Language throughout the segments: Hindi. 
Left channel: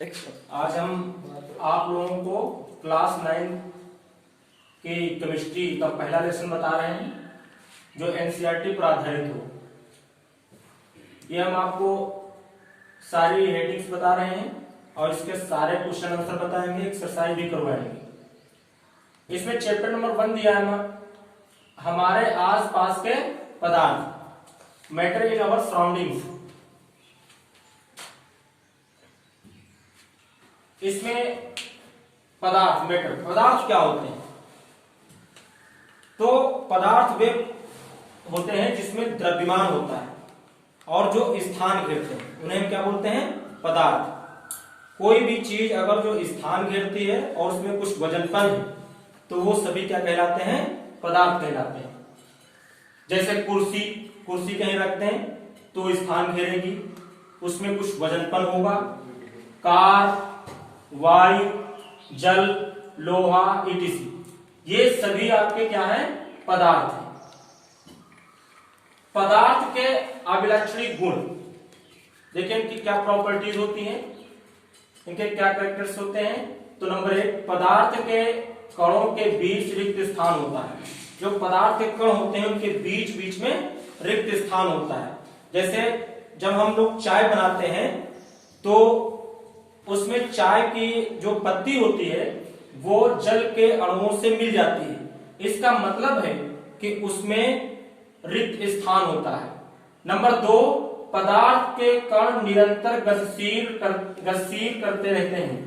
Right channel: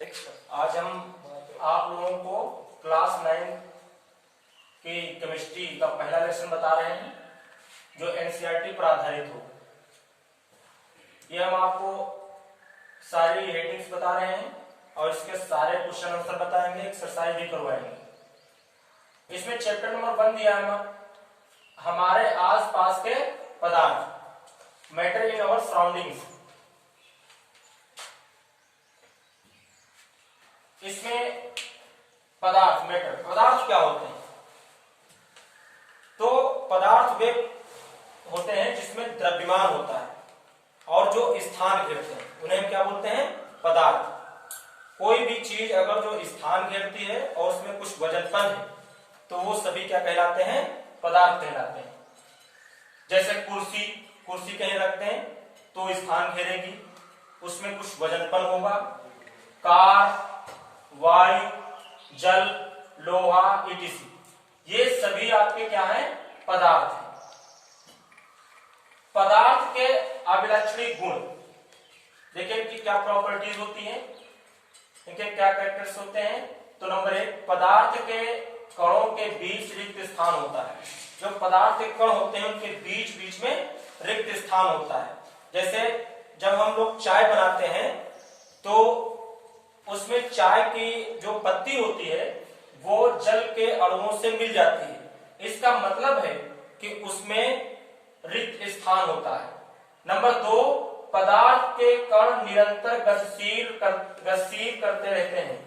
आज हम आप लोगों को क्लास 9 की केमिस्ट्री का पहला लेसन बता रहे हैं जो एनसीईआरटी पर आधारित हो। ये हम आपको सारी हेडिंग्स बता रहे हैं और इसके सारे क्वेश्चन आंसर बताएंगे, एक्सरसाइज भी करवाएंगे। इसमें चैप्टर नंबर 1 दिया है हमारे आसपास के पदार्थ, मैटर इन अवर सराउंडिंग्स। इसमें पदार्थ, मैटर, पदार्थ क्या होते हैं? तो पदार्थ वे होते हैं जिसमें द्रव्यमान होता है और जो स्थान घेरते हैं उन्हें क्या बोलते हैं? पदार्थ। कोई भी चीज अगर जो स्थान घेरती है और उसमें कुछ वजनपन है तो वो सभी क्या कहलाते हैं? पदार्थ कहलाते हैं। जैसे कुर्सी, कुर्सी कहीं रखते हैं तो स्थान घेरेगी, उसमें कुछ वजनपन होगा। कार, वायु, जल, लोहा, ईटीसी, ये सभी आपके क्या है? पदार्थ हैं। पदार्थ के अभिलक्षणिक गुण देखिए, इनकी क्या प्रॉपर्टीज होती हैं, इनके क्या कैरेक्टर्स होते हैं। तो नंबर 1, पदार्थ के कणों के बीच रिक्त स्थान होता है। जो पदार्थ के कण होते हैं उनके बीच बीच में रिक्त स्थान होता है। जैसे जब हम लोग चाय बनाते हैं तो उसमें चाय की जो पत्ती होती है वो जल के अणुओं से मिल जाती है। इसका मतलब है कि उसमें रिक्त स्थान होता है। नंबर 2, पदार्थ के कण निरंतर गतिशील करते रहते हैं,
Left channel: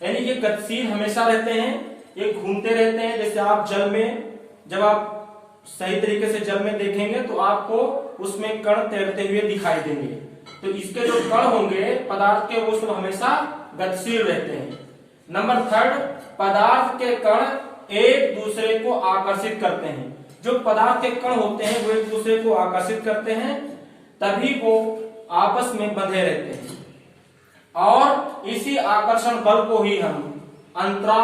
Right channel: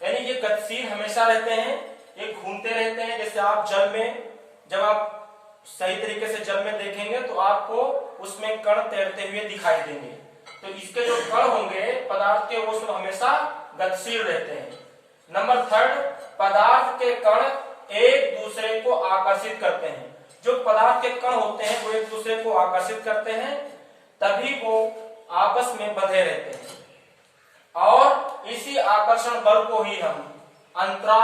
यानी ये गतिशील हमेशा रहते हैं, ये घूमते रहते हैं। जैसे आप जल में, जब आप सही तरीके से जल में देखेंगे तो आपको उसमें कण तैरते हुए दिखाई देंगे। तो इसके जो कण होंगे पदार्थ के वो सब हमेशा गतिशील रहते हैं। नंबर 3, पदार्थ के कण एक दूसरे को आकर्षित करते हैं। जो पदार्थ के कण होते हैं वो एक दूसरे को आकर्षित करते हैं, तभी वो आपस में बंधे रहते हैं। और इसी आकर्षण बल को ही हम अंतरा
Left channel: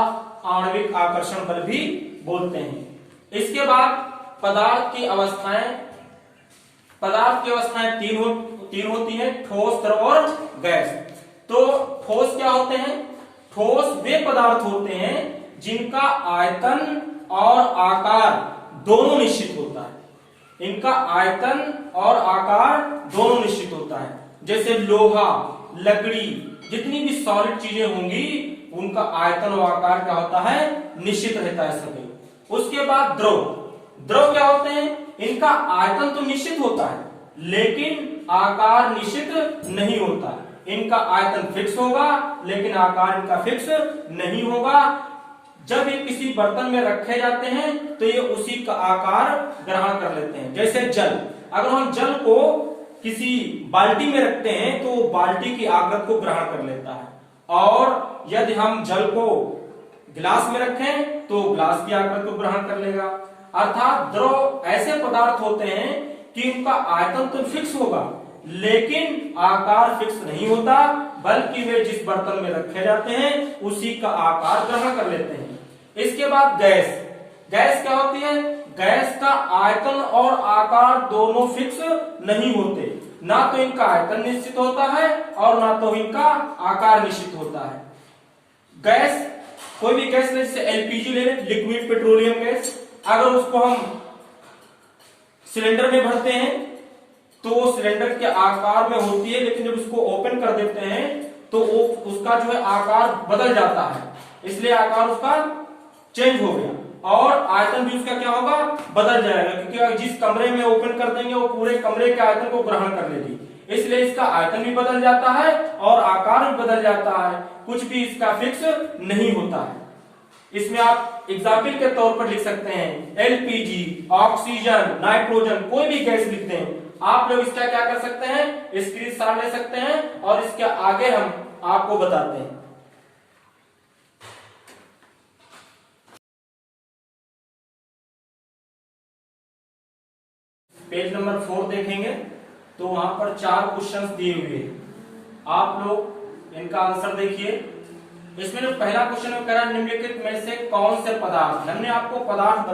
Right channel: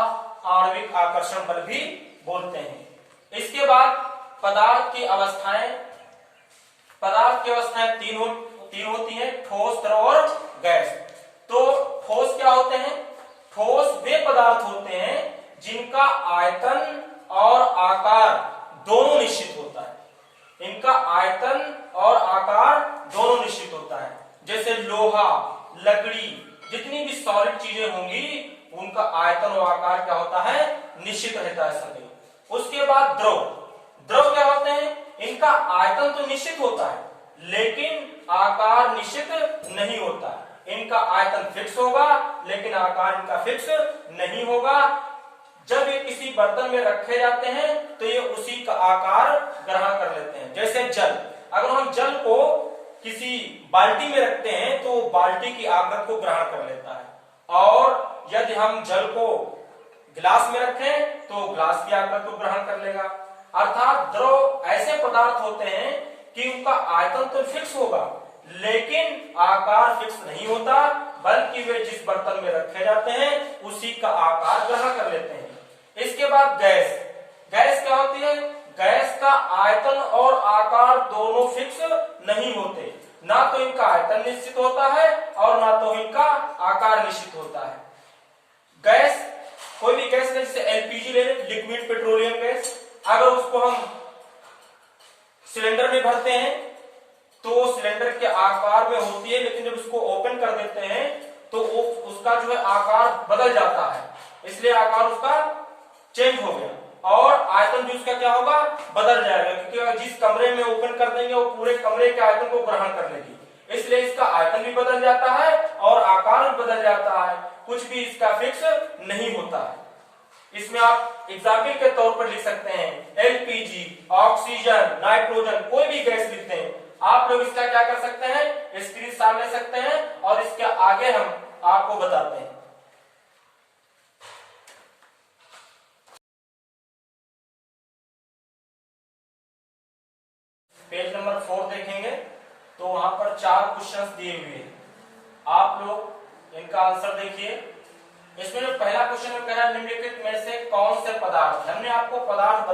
आणविक आकर्षण बल भी बोलते हैं। इसके बाद पदार्थ की अवस्थाएं, पदार्थ की अवस्थाएं तीन होती हैं, ठोस, द्रव और गैस। तो ठोस क्या होते हैं? ठोस वे पदार्थ होते हैं जिनका आयतन और आकार दोनों निश्चित होता है। इनका आयतन और आकार दोनों निश्चित होता है। जैसे लोहा, लकड़ी, जितनी भी सॉलिड चीजें होंगी उनका आयतन और आकार क्या होता है? निश्चित रहता है सभी। उसके बाद द्रव, द्रव क्या होते हैं? इनका आयतन तो निश्चित होता है लेकिन आकार निश्चित नहीं होता। इनका आयतन फिक्स होगा लेकिन आकार इनका फिक्स नहीं होगा। जब ये किसी बर्तन में रखे जाते हैं तो ये उसी का आकार ग्रहण कर लेते हैं। जैसे जल, अगर हम जल को किसी बाल्टी में रखते हैं तो बाल्टी की आकृति को ग्रहण कर लेता है, और यदि हम जल को गिलास में रखें तो ग्लास की आकृति को ग्रहण कर लेगा। अर्थात द्रव ऐसे पदार्थ होते हैं कि उनका आयतन तो फिक्स होगा लेकिन आकार फिक्स नहीं होता, बल्कि वे जिस बर्तन में रखे जाते हैं उसी का आकार ग्रहण कर लेते हैं। इसके बाद गैस, गैस क्या होती है? गैस का आयतन और आकार दोनों फिक्स नहीं होते, ना तो इनका आयतन निश्चित होता है और ना तो इनका आकार निश्चित होता है। गैस, कोई भी गैस जैसे एलपीजी ले लें, लिक्विड पेट्रोलियम गैस, अगर उसको हम सिलेंडर में भरते हैं तो वो सिलेंडर के आकार में होती है, लेकिन जब उसको ओपन कर देते हैं तो वो उसका जो है आकार बदल जाता है, इसलिए आकार उसका चेंज हो गया और आयतन भी उसका क्या होगा? बदल जाएगा, क्योंकि जिस कमरे में ओपन कर देंगे वो पूरे कमरे के आयतन को ग्रहण कर लेगी, इसलिए इसका आयतन भी बदल जाता है और आकार भी बदल जाता है, कुछ भी इसका फिक्स नहीं होता है। इसमें आप एग्जाम्पल के तौर पर लिख सकते हैं एलपीजी, ऑक्सीजन, नाइट्रोजन, कोई भी गैस लिखते हैं आप लोग इसका क्या कर सकते हैं? स्क्रीनशॉट ले सकते हैं और इसके आगे हम आपको बताते हैं। पेज नंबर 4 देखेंगे तो वहां पर 4 क्वेश्चंस दिए हुए हैं, आप लोग इनका आंसर देखिए। इसमें जो पहला क्वेश्चन में कह रहा है निम्नलिखित में से कौन से पदार्थ, हमने आपको पदार्थ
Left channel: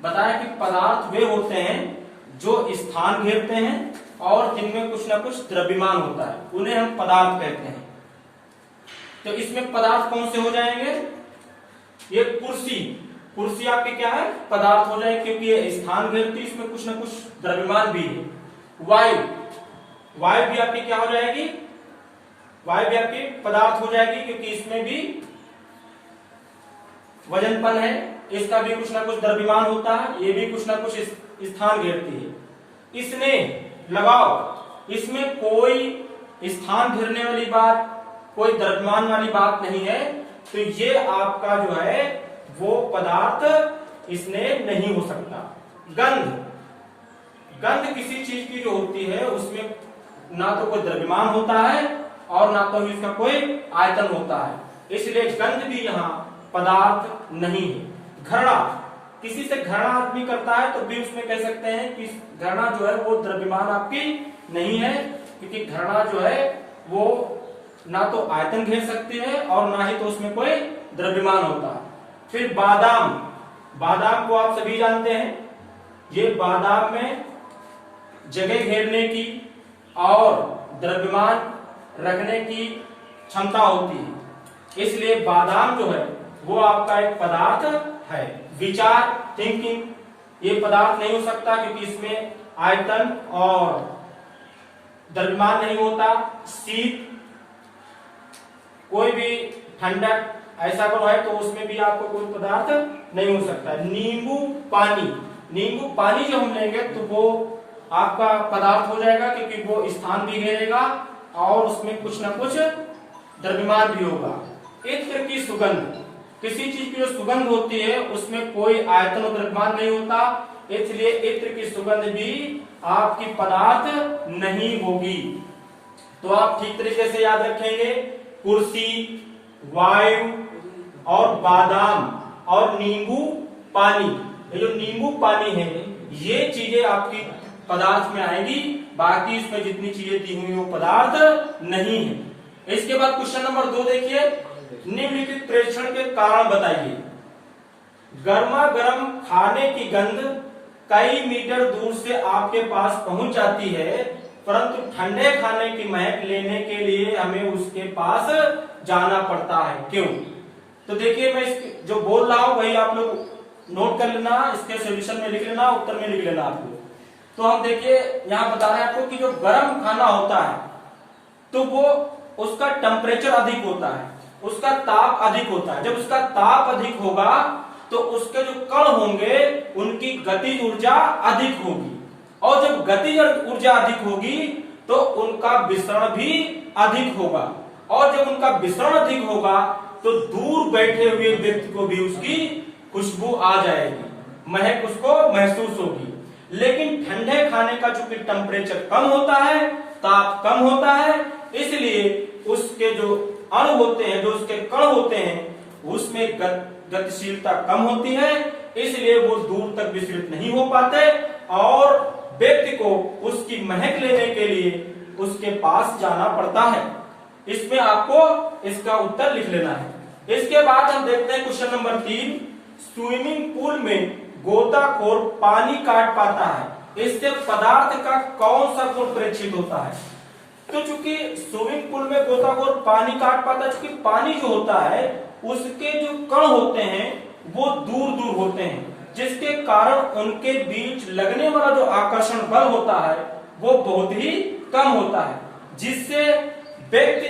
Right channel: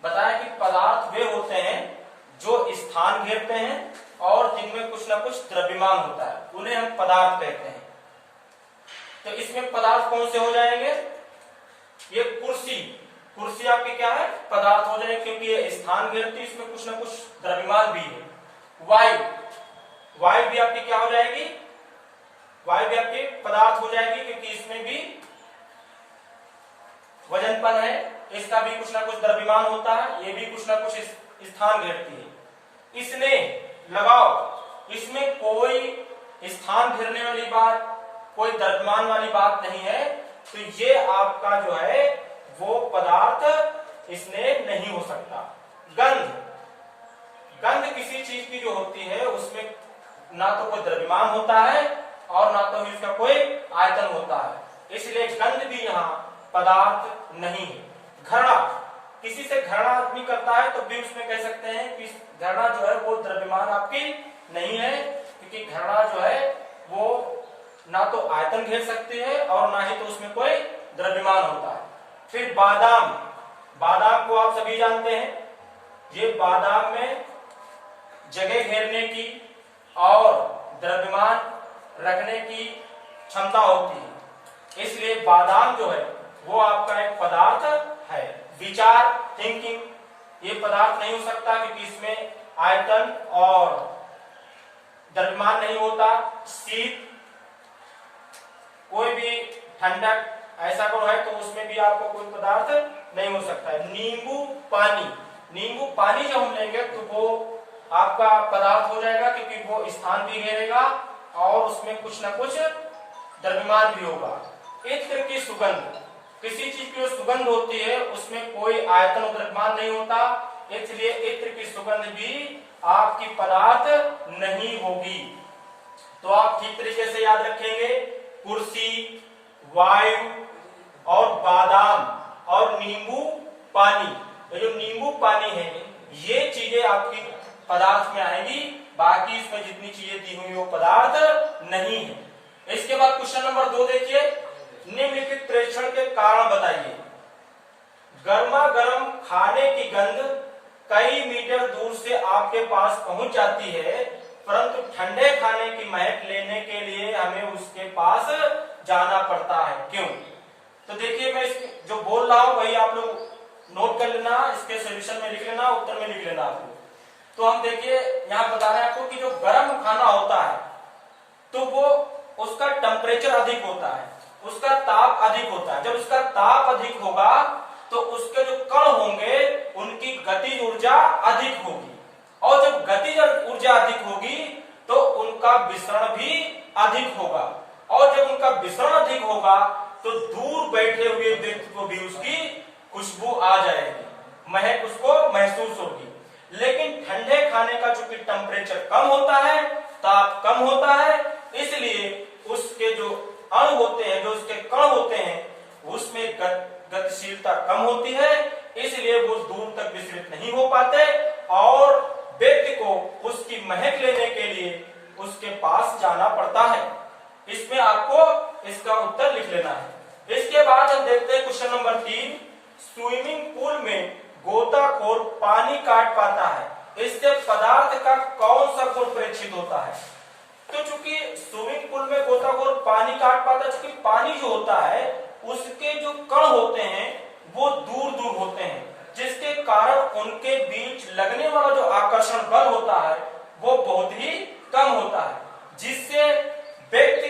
बताया कि पदार्थ वे होते हैं जो स्थान घेरते हैं और जिनमें कुछ ना कुछ द्रव्यमान होता है, उन्हें हम पदार्थ कहते हैं। तो इसमें पदार्थ कौन से हो जाएंगे? ये कुर्सी, कुर्सी आपकी क्या है? पदार्थ हो जाएगी, क्योंकि ये स्थान घेरती, इसमें कुछ ना कुछ द्रव्यमान भी है। वायु, वायु भी आपकी क्या हो जाएगी? वायु भी आपकी पदार्थ हो जाएगी, क्योंकि इसमें भी वजनपन है, इसका भी कुछ ना कुछ द्रव्यमान होता है, ये भी कुछ ना कुछ स्थान घेरती है। इसमें लगाओ, इसमें कोई स्थान घेरने वाली बात, कोई द्रव्यमान वाली बात नहीं है, तो ये आपका जो है वो पदार्थ इसमें नहीं हो सकता। गंध, गंध किसी चीज की जो होती है उसमें ना तो कोई द्रव्यमान होता है और ना तो इसका कोई आयतन होता है, इसलिए गंध भी यहाँ पदार्थ नहीं है। घृणा, किसी से घृणा आदमी करता है तो भी उसमें कह सकते हैं कि घृणा जो है वो द्रव्यमान आपकी नहीं है, क्योंकि घृणा जो है वो ना तो आयतन घेर सकती है और ना ही तो उसमें कोई द्रव्यमान होता है। फिर बादाम, बादाम को आप सभी जानते हैं, ये बादाम में जगह घेरने की और द्रव्यमान रखने की क्षमता होती है, इसलिए बादाम जो है वो आपका एक पदार्थ है। विचार, थिंकिंग, ये पदार्थ नहीं हो सकता, क्योंकि इसमें आयतन और द्रव्यमान नहीं होता। शीत, कोई भी ठंडक ऐसा कोई है तो उसमें भी आपको कोई पदार्थ नहीं हो सकता। नींबू पानी, नींबू पानी जो हम लेंगे तो वो आपका पदार्थ हो जाएगा, क्योंकि वो स्थान भी घेरेगा और उसमें कुछ ना कुछ द्रव्यमान भी होगा। इत्र की सुगंध, किसी चीज की जो सुगंध होती है उसमें कोई आयतन और द्रव्यमान नहीं होता, इसलिए इत्र की सुगंध भी आपकी पदार्थ नहीं होगी। तो आप ठीक तरीके से याद रखेंगे, कुर्सी, वायु और बादाम और नींबू पानी, ये जो नींबू पानी है ये चीजें आपकी पदार्थ में आएंगी, बाकी इसमें जितनी चीजें दी हुई वो पदार्थ नहीं है। इसके बाद क्वेश्चन नंबर 2 देखिए, निम्नलिखित प्रेक्षण के कारण बताइए। गर्मा गर्म खाने की गंध कई मीटर दूर से आपके पास पहुंच जाती है, परंतु ठंडे खाने की महक लेने के लिए हमें उसके पास जाना पड़ता है, क्यों? तो देखिए मैं जो बोल रहा हूं वही आप लोग नोट कर लेना, इसके सॉल्यूशन में लिख लेना, उत्तर में लिख लेना आप लोग। तो हम देखिए यहाँ बता रहे हैं आपको कि जो गर्म खाना होता है तो वो उसका टेम्परेचर अधिक होता है, उसका ताप अधिक होता है। जब उसका ताप अधिक होगा तो उसके जो कण होंगे उनकी गतिज ऊर्जा अधिक होगी, और जब गतिज ऊर्जा अधिक होगी तो उनका विसरण भी अधिक होगा, और जब उनका विसरण अधिक होगा तो दूर बैठे हुए व्यक्ति को भी उसकी खुशबू आ जाएगी, महक उसको महसूस होगी। लेकिन ठंडे खाने का चूंकि टेम्परेचर कम होता है, ताप कम होता है, इसलिए उसके जो अणु होते हैं, जो उसके कण होते हैं उसमें गतिशीलता कम होती है, इसलिए वो दूर तक विचलित नहीं हो पाते और व्यक्ति को उसकी महक लेने के लिए उसके पास जाना पड़ता है। इसमें आपको इसका उत्तर लिख लेना है। इसके बाद हम देखते हैं क्वेश्चन नंबर 3, स्विमिंग पूल में गोताखोर पानी काट पाता है, इससे पदार्थ का कौन सा गुण प्रेक्षित होता है? तो चूंकि स्विमिंग पूल में गोताखोर पानी काट पाता है, चूंकि पानी जो होता है उसके जो कण होते हैं वो दूर दूर होते हैं, जिसके कारण उनके बीच लगने वाला जो आकर्षण बल होता है वो बहुत ही कम होता है, जिससे व्यक्ति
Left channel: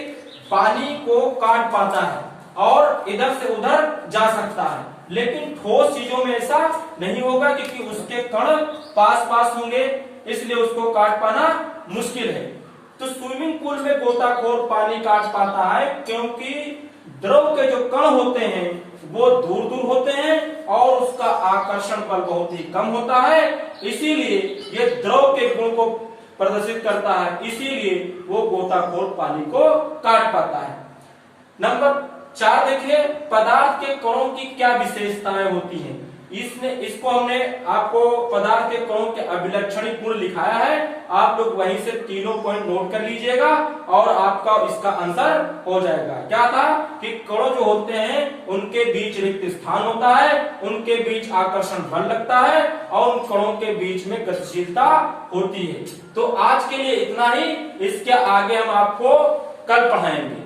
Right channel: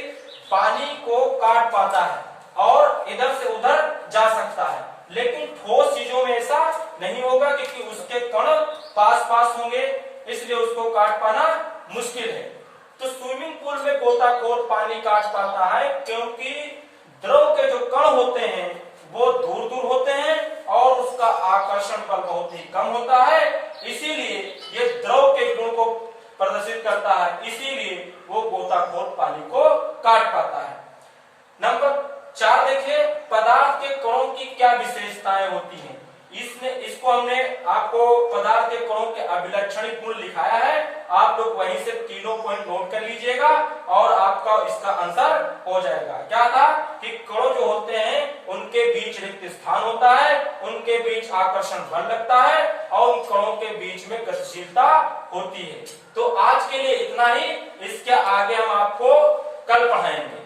पानी को काट पाता है और इधर से उधर जा सकता है। लेकिन ठोस चीजों में ऐसा नहीं होगा, क्योंकि उसके कण पास पास होंगे, इसलिए उसको काट पाना मुश्किल है। तो स्विमिंग पूल में गोताखोर पानी काट पाता है क्योंकि द्रव के जो कण होते हैं वो दूर दूर होते हैं और उसका आकर्षण बल बहुत ही कम होता है, इसीलिए ये द्रव के गुण को प्रदर्शित करता है, इसीलिए वो गोताखोर पानी को काट पाता है। नंबर 4 देखिए, पदार्थ के कणों की क्या विशेषताएं होती हैं? इसको हमने आपको पदार्थ के कणों के अभिलक्षणिक गुण लिखाया है, आप लोग वहीं से तीनों पॉइंट नोट कर लीजिएगा और आपका इसका आंसर हो जाएगा। क्या था कि कणों जो होते हैं उनके बीच रिक्त स्थान होता है, उनके बीच आकर्षण बल लगता है और उन कणों के बीच में गतिशीलता होती है। तो आज के लिए इतना ही, इसके आगे हम आपको कल पढ़ाएंगे।